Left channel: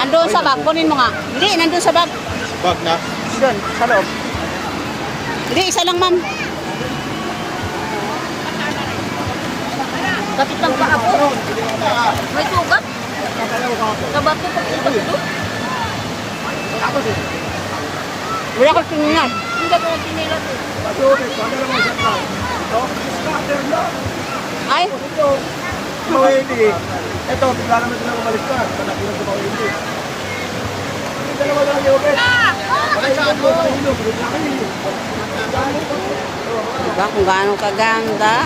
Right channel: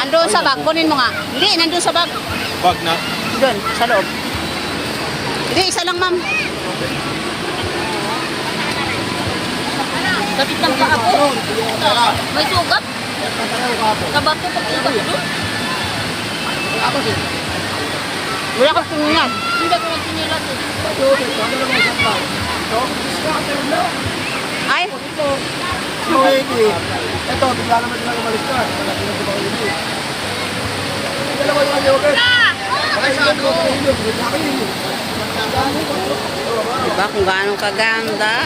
Andun sa bag, kunin mo nga. Hindi, nandun sa bag. Bag na. Doon, sa loob. Hindi, isa lang, ma'am. Sakit ng paa ko. May sugat. Kabak ko pag ikot ito. Wala kang tingnan. Hindi ko lang tinila ko. Ay, Ito, bigla naman sila umalis na. Malaki na sila ulit. Dalawa na yung open. diba kung gaano kaganda.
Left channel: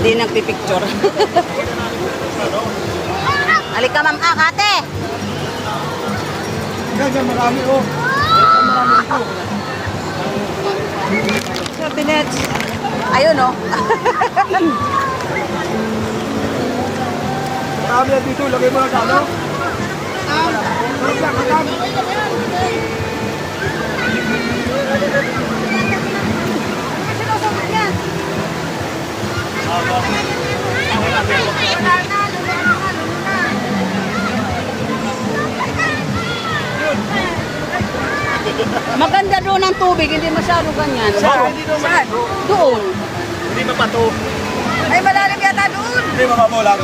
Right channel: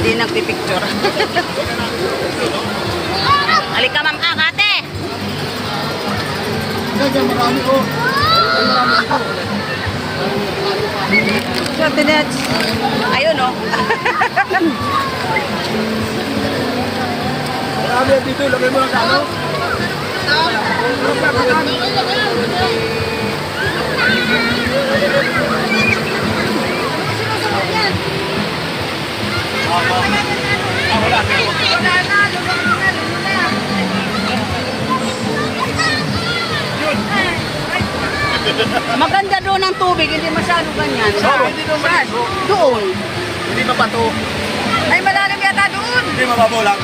Hindi nagpipicture. Halika, ma'am. Ate! Yan, marami oh. Tinets. Ayun, oh. Marami yan dito. Lagay mo lang sa ano. Maganda doon ang tubig, hindi masyado ganyan. Saan? Doon. Hindi mapato. Ay, malalim yata doon. Hindi mapato lang.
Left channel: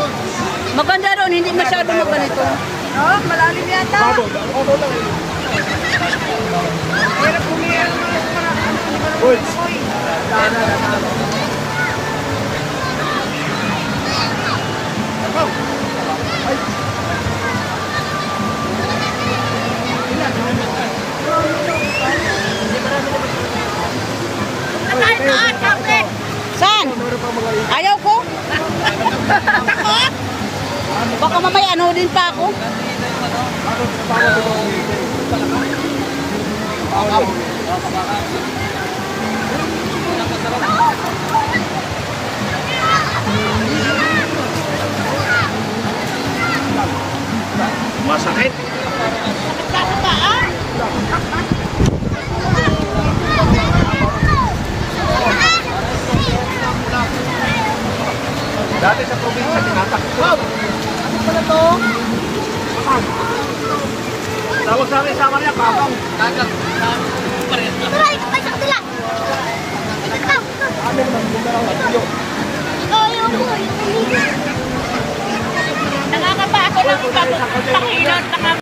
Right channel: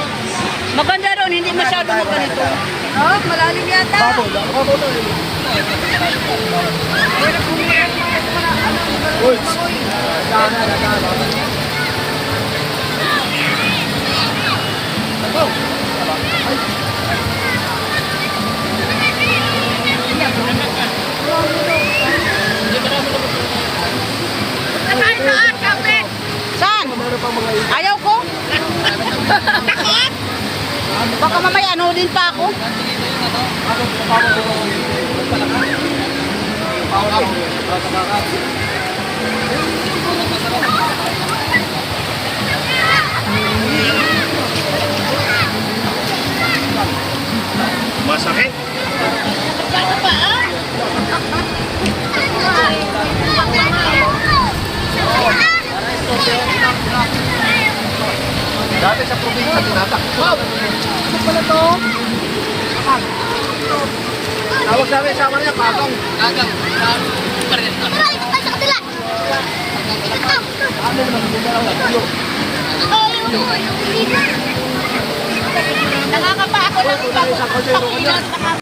Maganda doon, hindi masyado maganito. Oh, malalim yata. Uy. Saan? Ayaw ko. Baka mamaya ano din pa ako. Masakit. Dati sa probinsya, tinatakot. Ano pala to? Tawag sa akin, sama niya, kagang. Kagang. Nakakapa ako lang ito. Pakilot,